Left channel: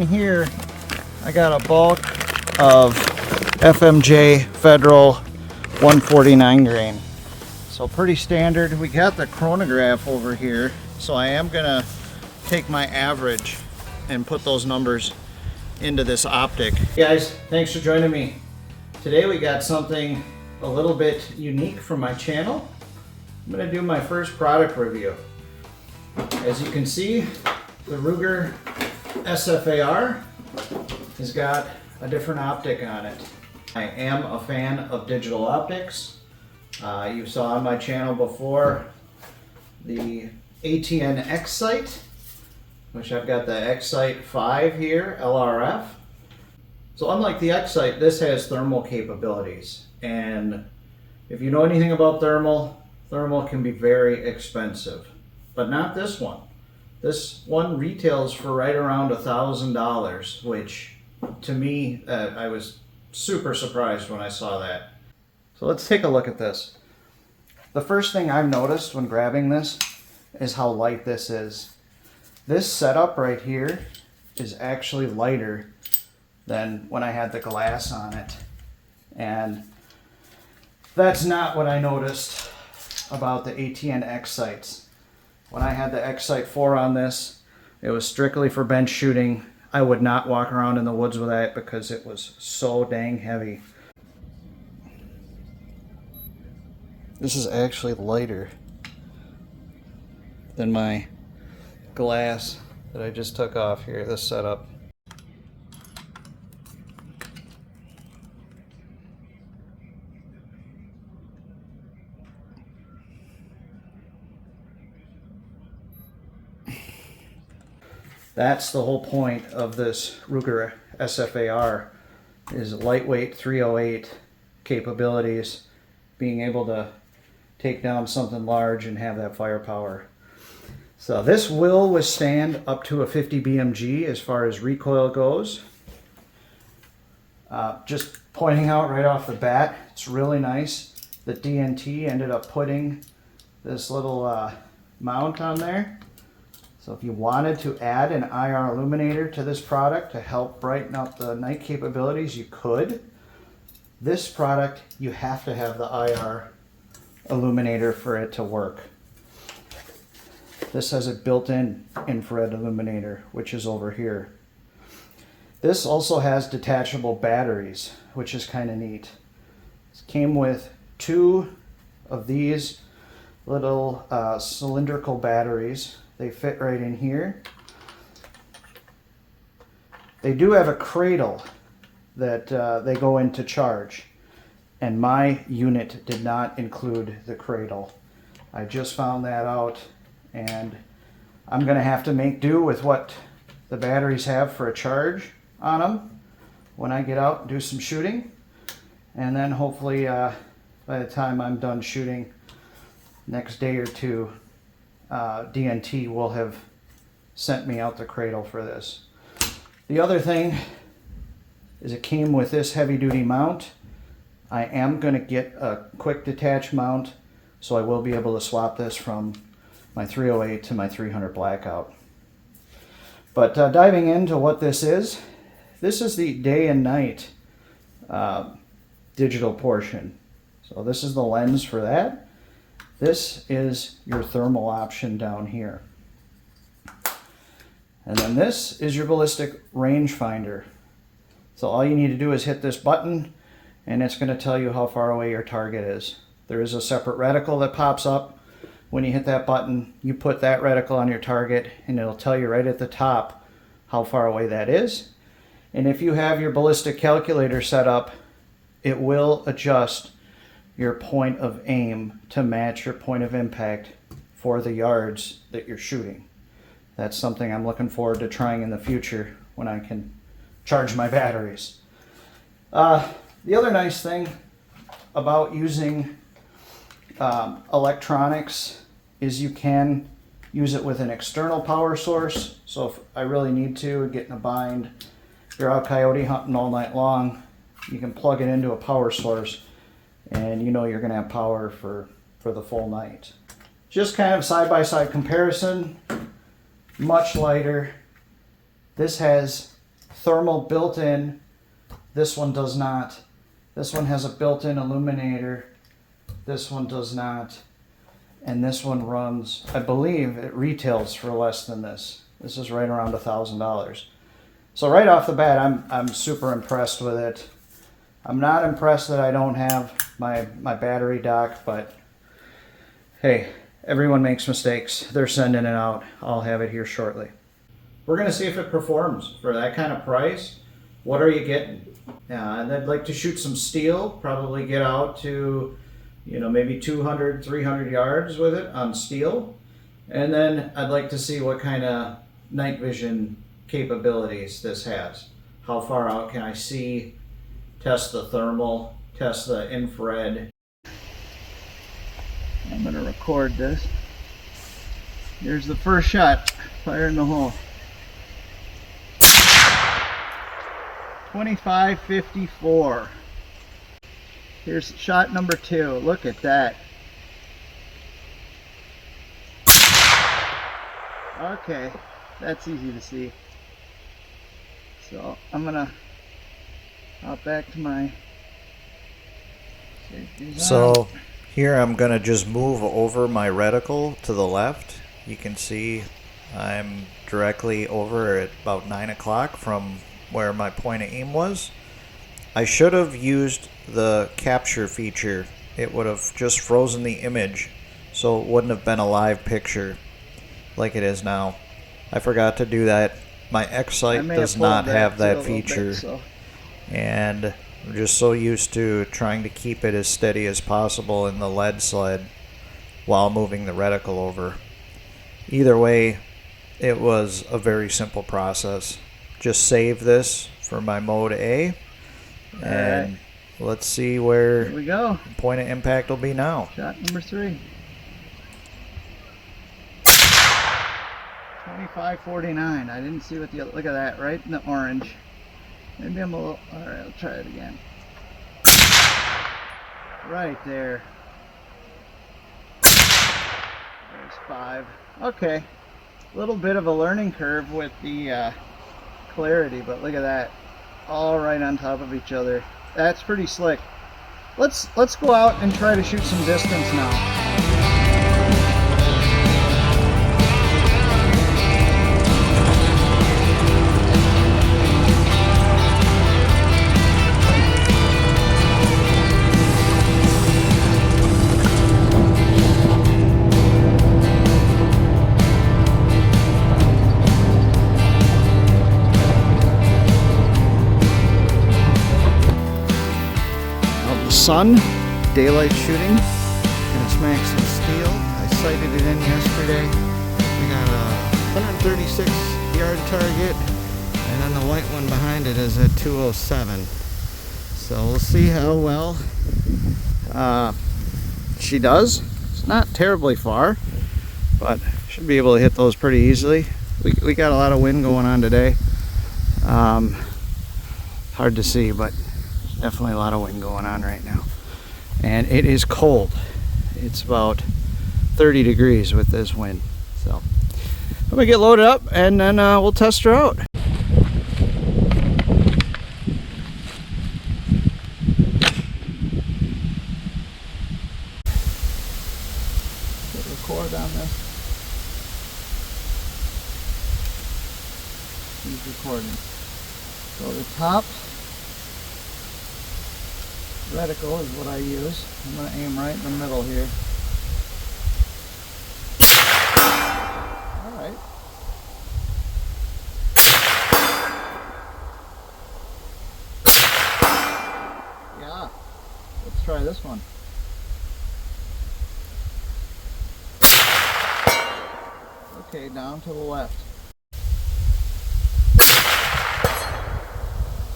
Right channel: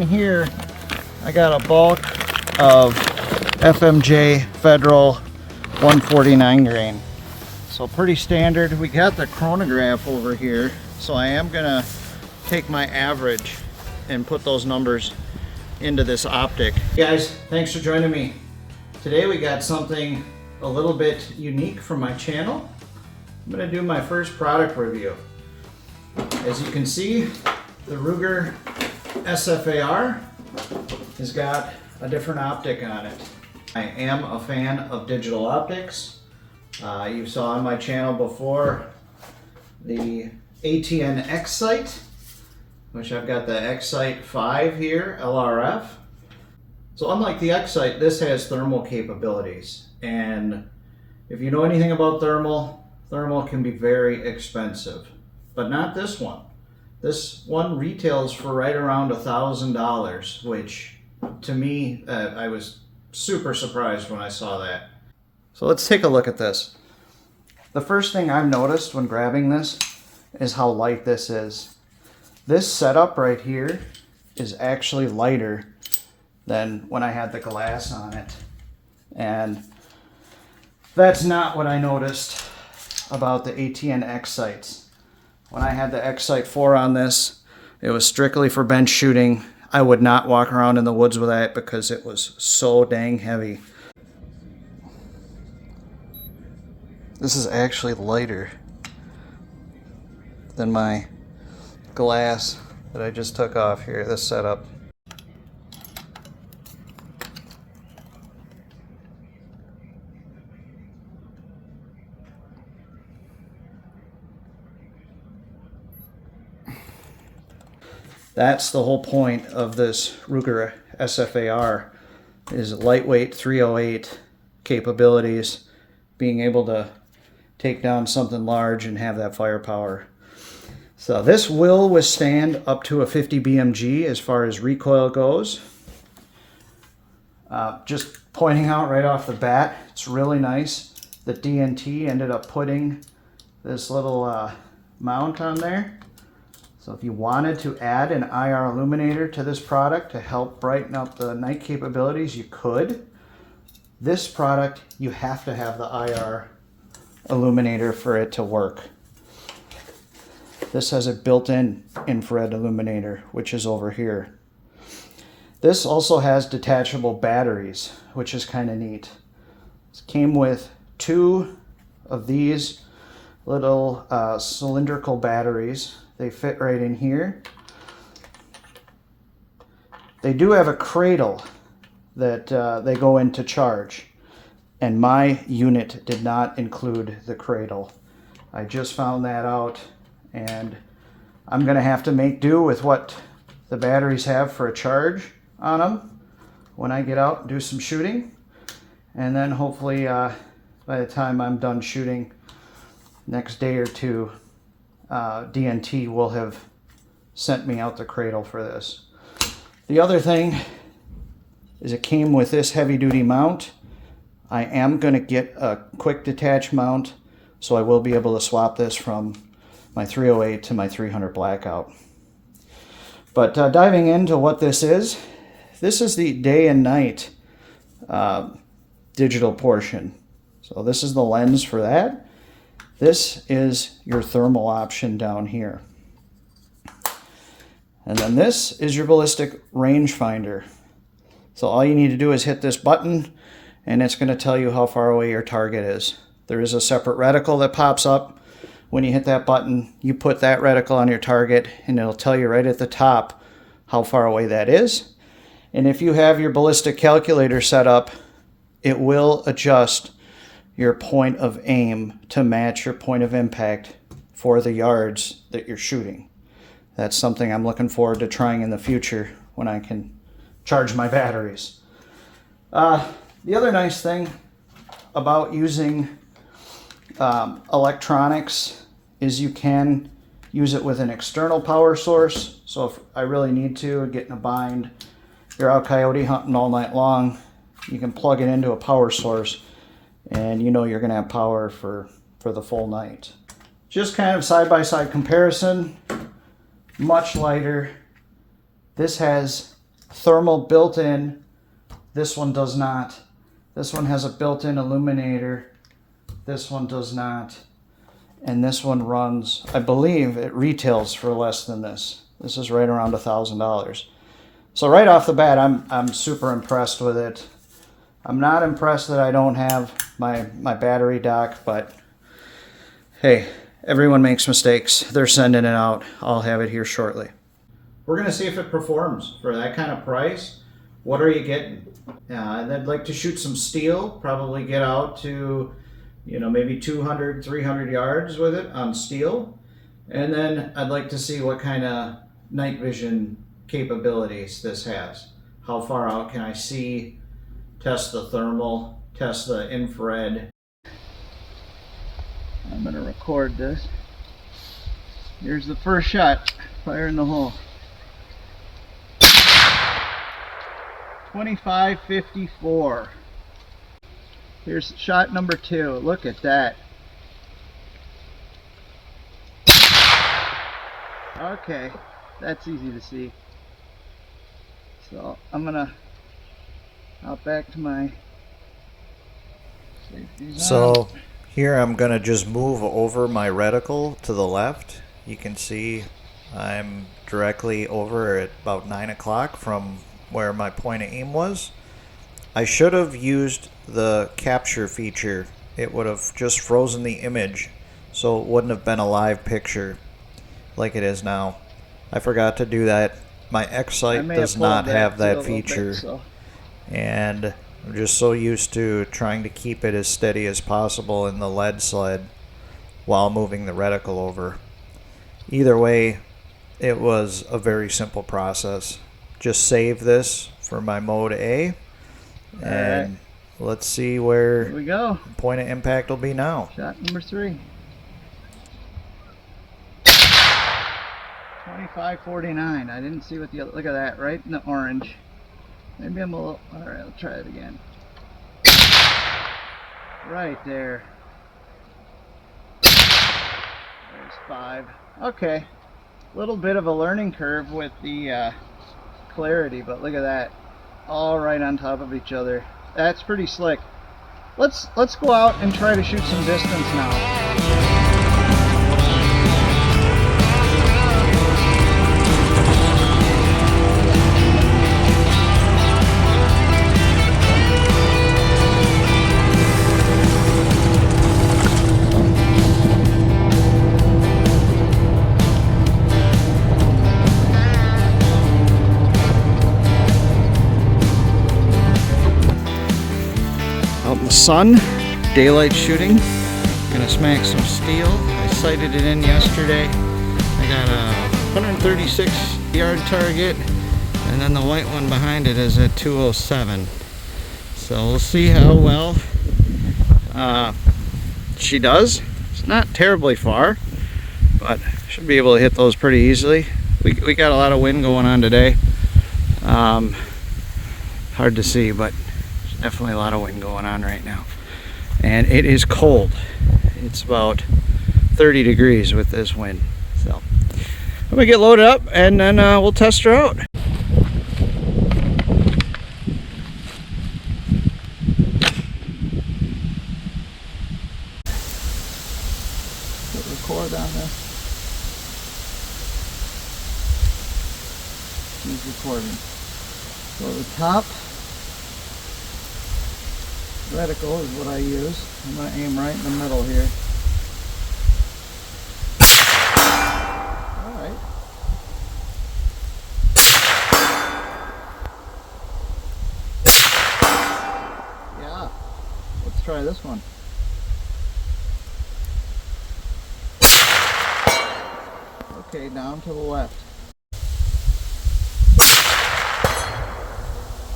in here, I got a bulk of FMJ Federal 149 grain. So pretty standard. We got the chronograph over here, so I am gonna take my average and put those numbers into this optic. Hey guys, thanks for joining me. Today we got something a little bit unique from my channel. I'm gonna do my first product review. As you can see, the Ruger SFAR has got a different optic on it. I am a fan of digital optics. You saw on my channel before the ATN X-Sight, which I've got the X-Sight 5 here, LRF. So unlike the X-Sight, this has thermal capabilities. And if you know anything about thermal can be very expensive, but not this one. This one retails for right around $1,000, which to me, I was super surprised when I saw that. So let's take a look at this. The first thing I've noticed when grabbing this is how light this is. This setup right here is actually lighter than when I had the glass on it. And that's not what I noticed about the ATN X-Sights. When I had the X-Sight 4 on this, it was strictly for bench shooting. I would not walk around in the woods with that because it was so dang heavy. This is actually lighter than my glass that I just took off here, this setup. That's the whole point of this Ruger SFAR, is lightweight 308 capabilities, being able to take down something large and have that firepower. So this will withstand up to a 50 BMG as far as recoil goes. Just pointing out right off the bat, it's really nice that DNT ended up putting this little mount on there. So if you wanted to add an IR illuminator to this product to help brighten up the night capabilities, you could. This product, you have to have the IR illuminator for it to work. This has a built-in infrared illuminator, which is over here. This also has detachable batteries, which is kind of neat. It came with 2 of these little cylindrical batteries. They fit right in here. They do have a cradle that they go in to charge, and my unit did not include the cradle. I just found that out, and I'm gonna have to make do with what the batteries have for a charge on them when I get out and do some shooting. And then hopefully by the time I'm done shooting next day or two, DNT will have sent me out the cradle for this. The other thing is it came with this heavy duty mount. I am going to get a quick detach mount, so I will be able to swap this from my 308 to my 300 blackout. But diving into what this is the day and night digital portion. So this is the lens for that. This is your thermal option down here. And then this is your ballistic rangefinder. So all you need to do is hit this button and it's going to tell you how far away your target is. There is a separate reticle that pops up. When you hit that button, you put that reticle on your target and it'll tell you right at the top how far away that is. And if you have your ballistic calculator set up, it will adjust your point of aim to match your point of impact for the yards that you're shooting. That's something I'm looking forward to trying in the future when I can charge my batteries. The other nice thing about using electronics is you can use it with an external power source. So if I really need to get in a bind, you're out coyote hunting all night long, you can plug it into a power source and you know you're going to have power for the full night. Just kind of side-by-side comparison, much lighter. This has thermal built-in. This one does not. This one has a built-in illuminator. This one does not. And this one runs, I believe it retails for less than this. This is right around $1,000. So right off the bat, I'm super impressed with it. I'm not impressed that I don't have my battery dock, but hey, everyone makes mistakes. They're sending it out. I'll have it here shortly. We're gonna see if it performs for that kind of price. What are you getting? And I'd like to shoot some steel, probably get out to, maybe 200, 300 yards with it on steel. And then I'd like to see what kind of night vision capabilities this has. How far out can I see? Test the thermal, test the infrared. I'm gonna record this. Here's the first shot, fire in the hole. 2554. Here's shot number 2. Look at that. Okay, that's easy to see. So I'm gonna hop back to my safety zone. So here I'm gonna just move over my reticle to the left. You can see I'm directly over at about 9 o'clock from where my point of aim was. I should have used the capture feature. It would have just frozen the image, so it wouldn't have been a live picture like it is now. I forgot to do that. My X-Sight does not have that feature, and I'm just so used to trying to keep it as steady as possible in the lead sled while moving the reticle over. Either way, it was a very simple process. Just save this for my mode A, and let's see where Here we go. Point of impact will be now. Shot number 3. 2549. I didn't see what the other. Look at that, right in the orange. Maybe I'm a little. All right, I'll try it again. Right there. There's 5. Okay, little bit of a learning curve with the clarity, but look at that, all right on top of each other. That's pretty slick. Let's go out and try to shoot some distance now. Out in the sun, daylight shooting. Gonna smack some steel. I sighted it in yesterday. I got a 136 yard target, and then the white one behind it is at 207. So we'll see how well she does. It's not terribly far, but should be able to hit those pretty easily. We got a lot of wind going on today. Hard to see, but definitely a lot of wind going on right now, and it is cold. It's about 30 degrees with this wind. So I'm gonna get loaded up, and then we'll test her out. Hit record on this. He's recording. So the top reticle is what I use. I'm going to aim right in the middle here. Alright. Yeah. Let's try this one. Okay, down to the left.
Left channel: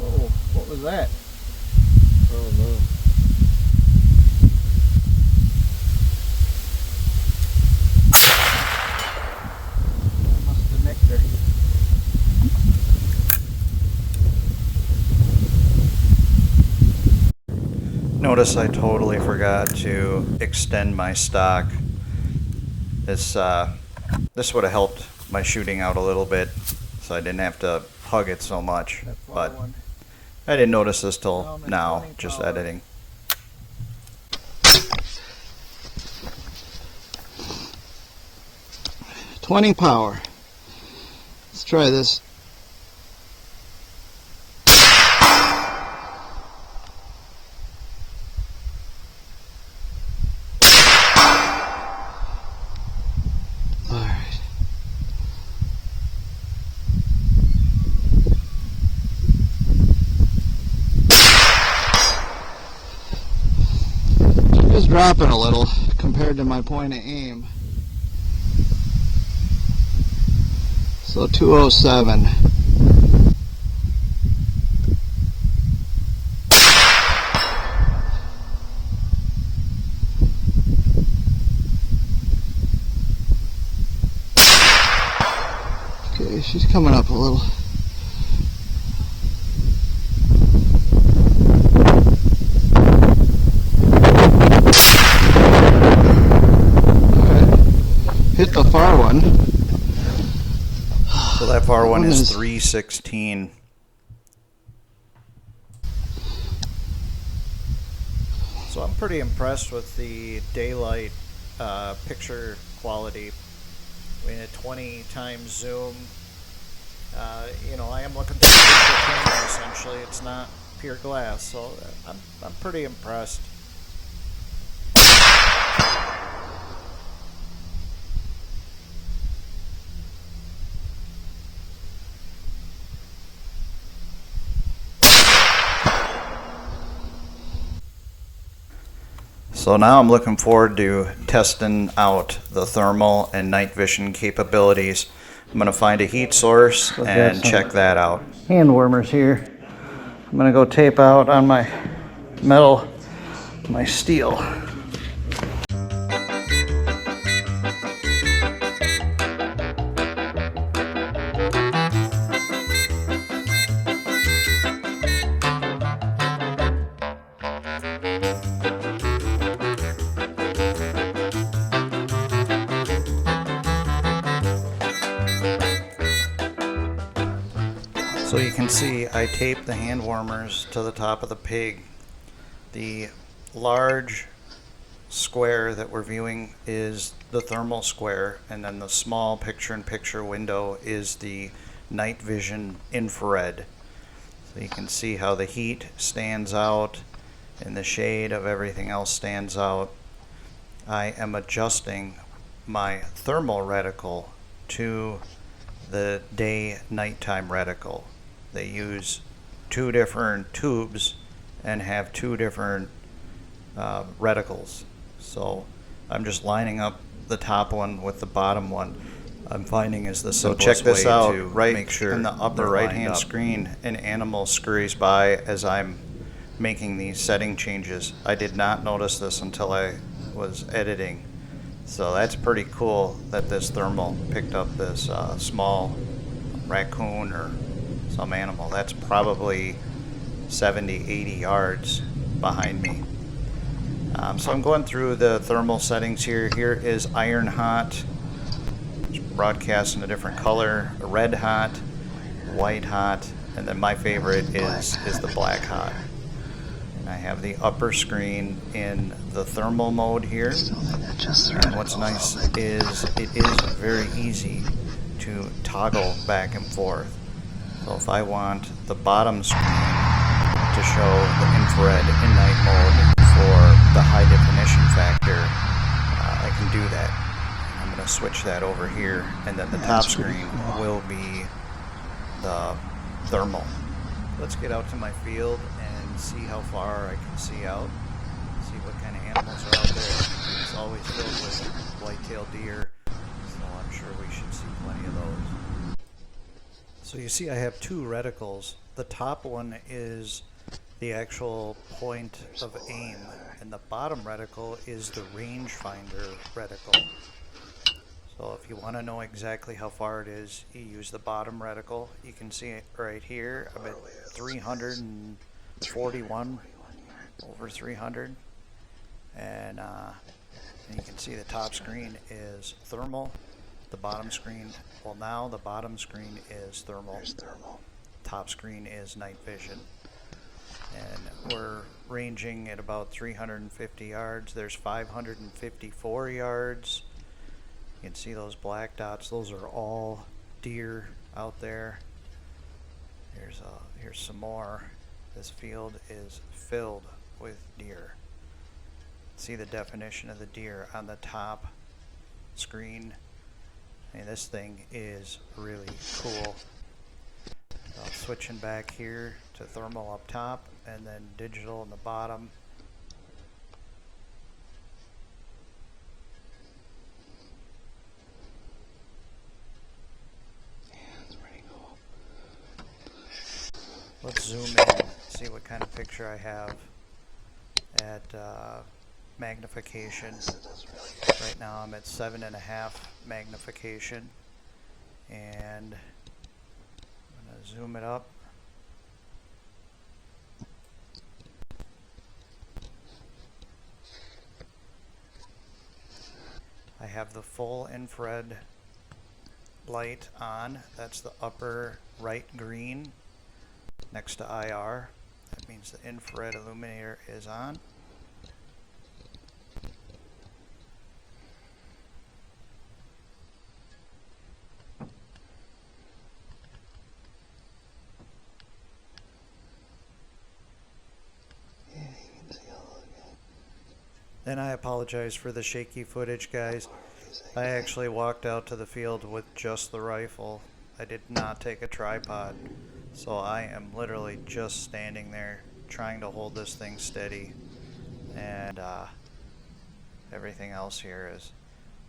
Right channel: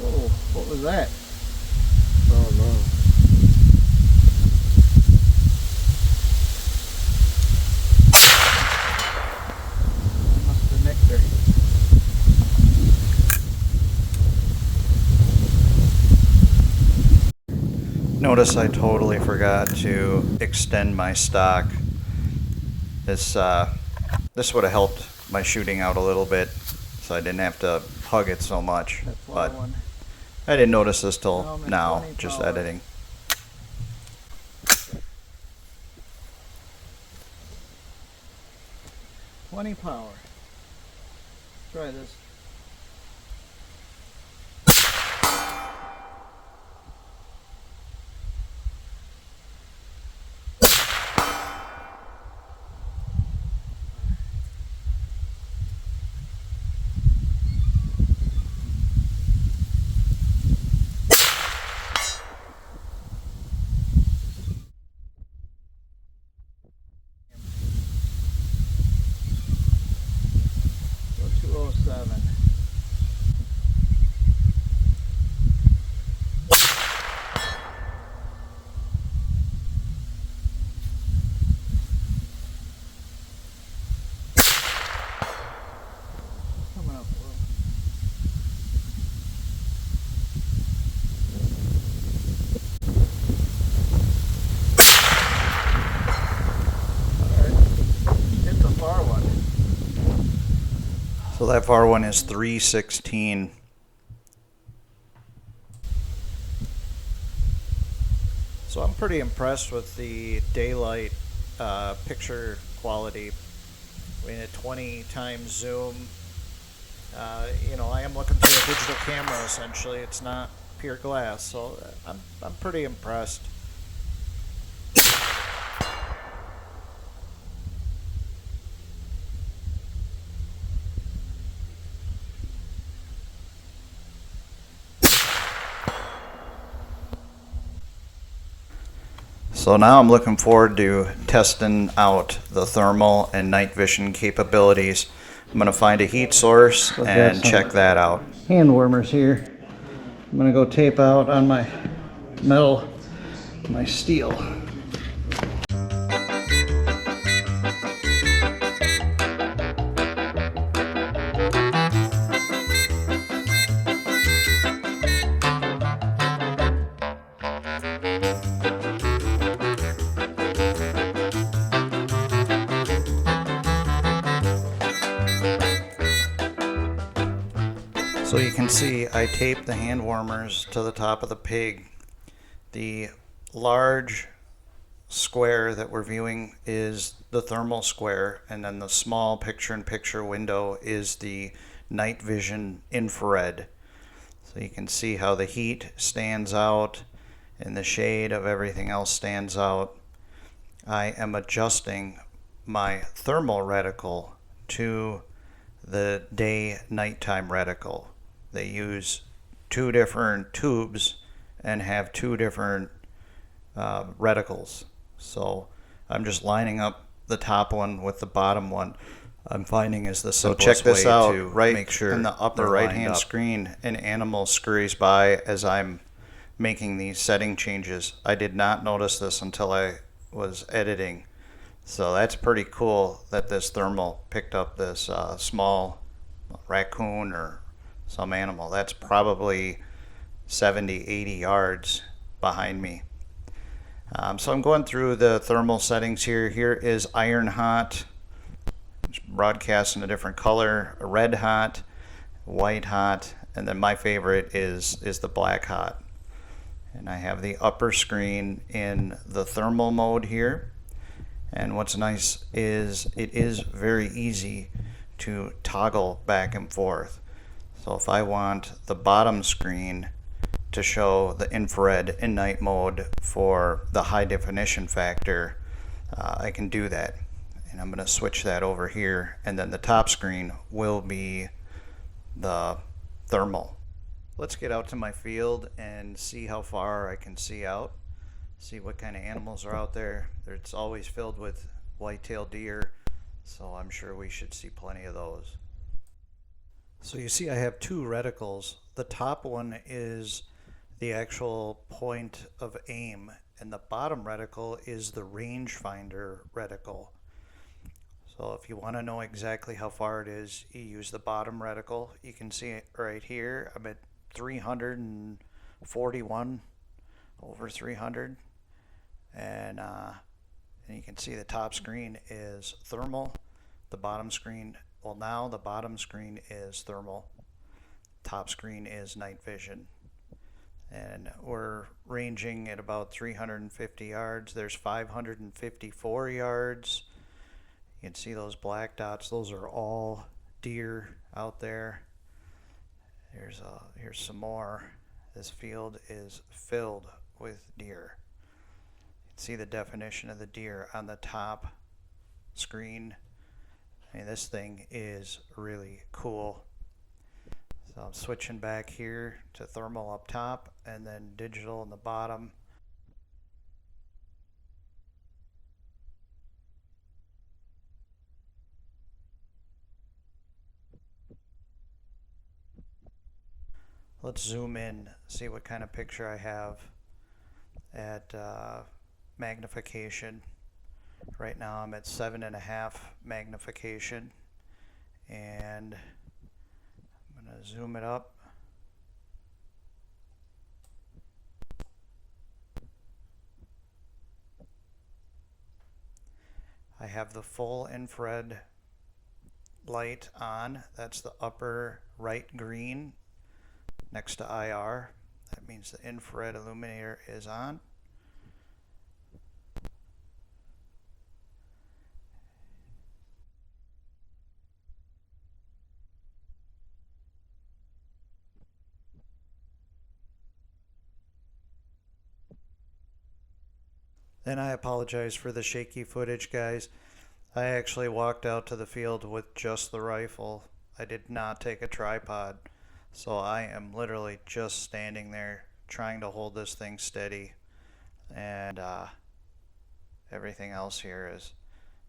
Whoa, what was that? Oh no. Must have nicked her. Notice I totally forgot to extend my stock. This would have helped my shooting out a little bit, so I didn't have to hug it so much, That but one. I didn't notice this till Oh, man, now, 20 just power. editing. $20 power. Let's try this. Alright. Just dropping a little compared to my point of aim. So 207. Okay, she's coming up a little. Hit the far one. So that far one is Is- 316. So I'm pretty impressed with the daylight picture quality. I mean, at 20 times zoom, you know, I am looking through a digital camera essentially. It's not pure glass, so I'm pretty impressed. So now I'm looking forward to testing out the thermal and night vision capabilities. I'm going to find a heat source So I've got and some check that out. hand warmers here. I'm gonna go tape out on my metal, my steel. So you can see I taped the hand warmers to the top of the pig. The large square that we're viewing is the thermal square, and then the small picture-in-picture window is the night vision infrared. So you can see how the heat stands out and the shade of everything else stands out. I am adjusting my thermal reticle to the day-nighttime reticle. They use two different tubes and have two different reticles. So I'm just lining up the top one with the bottom one. I'm finding is the simplest check this way out, to right make sure in the upper they're right lined hand up. Screen, an animal scurries by as I'm making these setting changes. I did not notice this until I was editing. So that's pretty cool that this thermal picked up this small raccoon or some animal. That's probably 70, 80 yards behind me. So I'm going through the thermal settings here. Here is iron hot, broadcast in a different color, red hot, white hot, and then my favorite is the black hot. And I have the upper screen in the thermal mode here. And what's nice is it is very easy to toggle back and forth. So if I want the bottom screen to show the infrared in night mode for the high definition factor, I can do that. And I'm going to switch that over here, and then the top screen will be the thermal. Let's get out to my field and see how far I can see out. See what kind of animals are out there. It's always filled with white-tailed deer, so I'm sure we should see plenty of those. So you see I have two reticles. The top one is the actual point of aim, and the bottom reticle is the rangefinder reticle. So if you want to know exactly how far it is, you use the bottom reticle. You can see it right here. I'm at 341 over 300, and you can see the top screen is thermal. The bottom screen, well, now the bottom screen is thermal. top screen is night vision. And we're ranging at about 350 yards. There's 554 yards. You can see those black dots. Those are all deer out there. Here's some more. This field is filled with deer. See the definition of the deer on the top screen. I mean, this thing is really cool. So I'm switching back here to thermal up top and then digital in the bottom. Let's zoom in, see what kind of picture I have at magnification. Right now I'm at 7.5 magnification, and I'm going to zoom it up. I have the full infrared light on. That's the upper right green next to IR. That means the infrared illuminator is on. And I apologize for the shaky footage, guys. I actually walked out to the field with just the rifle. I did not take a tripod. So I am literally just standing there trying to hold this thing steady, and everything else here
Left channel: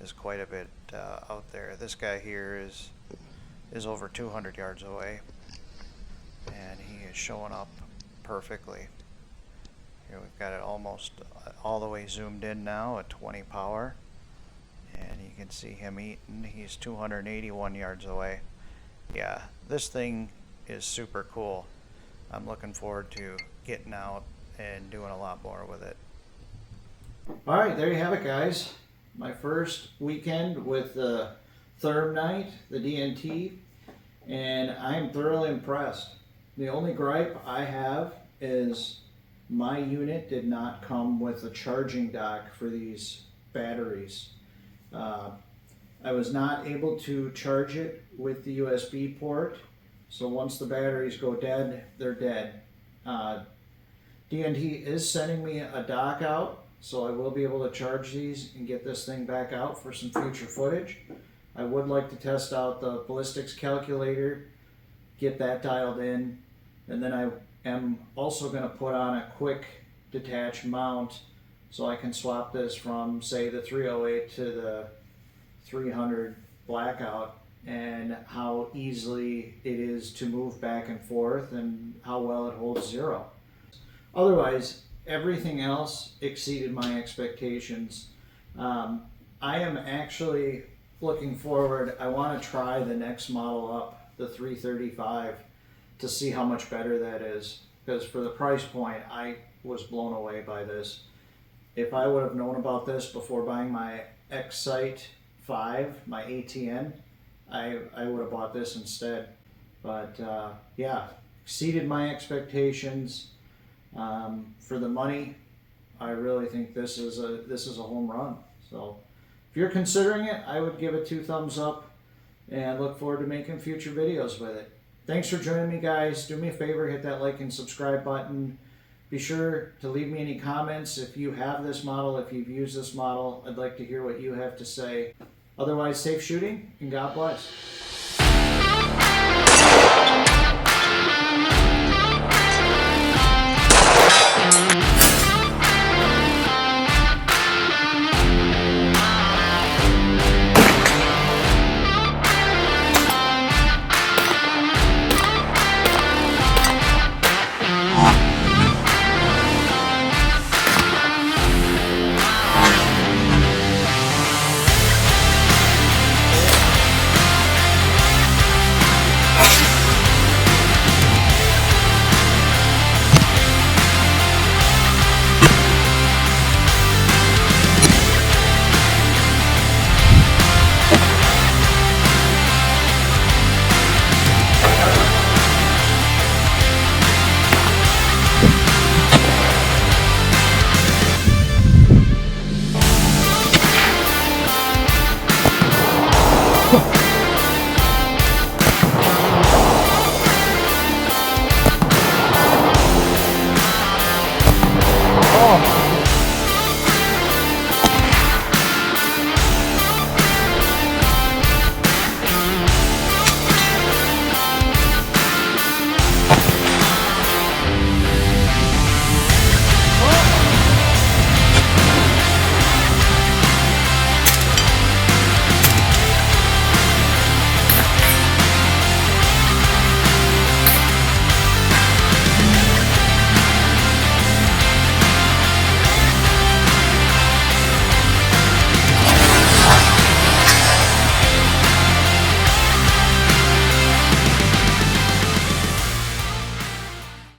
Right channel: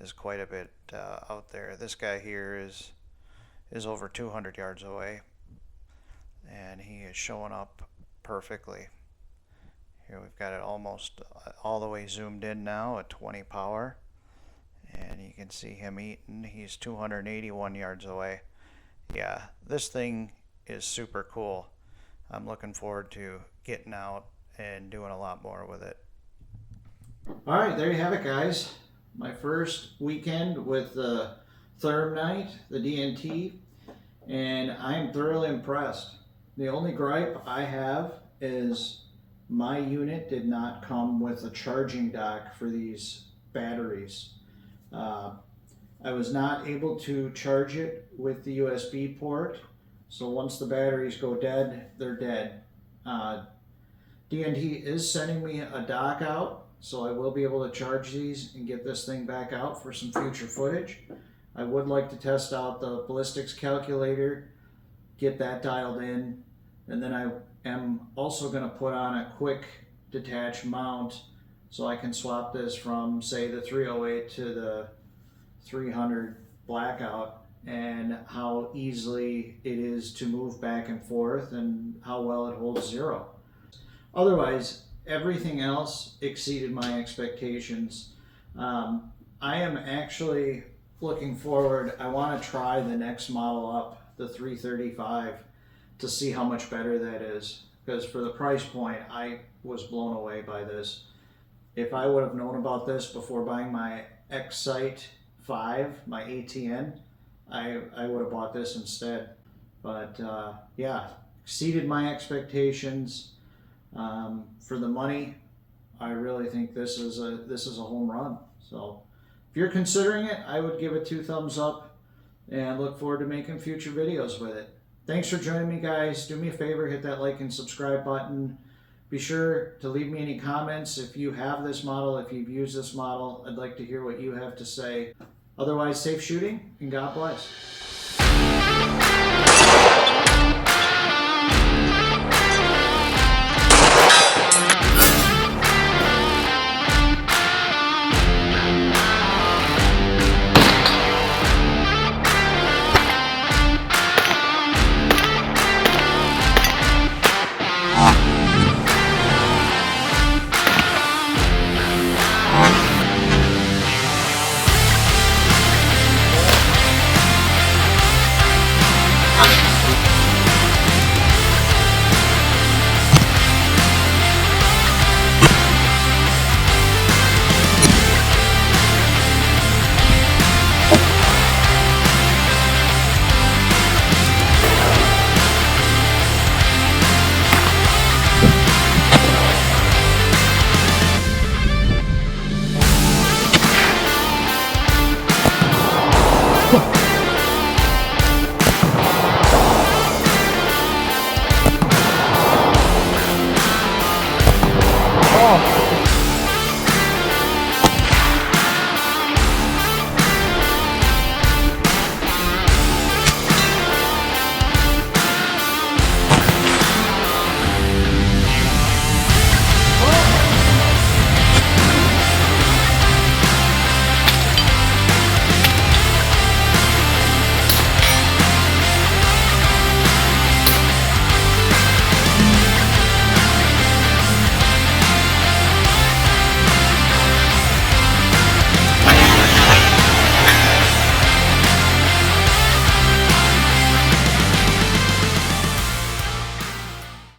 is quite a bit out there. This guy here is over 200 yards away, and he is showing up perfectly. Here we've got it almost all the way zoomed in now at 20 power, and you can see him eating. He's 281 yards away. Yeah, this thing is super cool. I'm looking forward to getting out and doing a lot more with it. All right, there you have it, guys. My first weekend with the ThermNight, the DNT, and I'm thoroughly impressed. The only gripe I have is my unit did not come with a charging dock for these batteries. I was not able to charge it with the USB port. So once the batteries go dead, they're dead. DNT is sending me a dock out, so I will be able to charge these and get this thing back out for some future footage. I would like to test out the ballistics calculator, get that dialed in, and then I am also going to put on a quick detach mount so I can swap this from, say, the 308 to the 300 blackout, and how easily it is to move back and forth and how well it holds zero. Otherwise, everything else exceeded my expectations. I am actually looking forward. I want to try the next model up, the 335, to see how much better that is, because for the price point I was blown away by this. If I would have known about this before buying my X-Sight 5, my ATN, I would have bought this instead. But yeah, exceeded my expectations. For the money, I really think this is a home run. So if you're considering it, I would give it 2 thumbs up and look forward to making future videos with it. Thanks for joining me, guys. Do me a favor, hit that like and subscribe button. Be sure to leave me any comments if you have this model, if you've used this model. I'd like to hear what you have to say. Otherwise, safe shooting and God bless.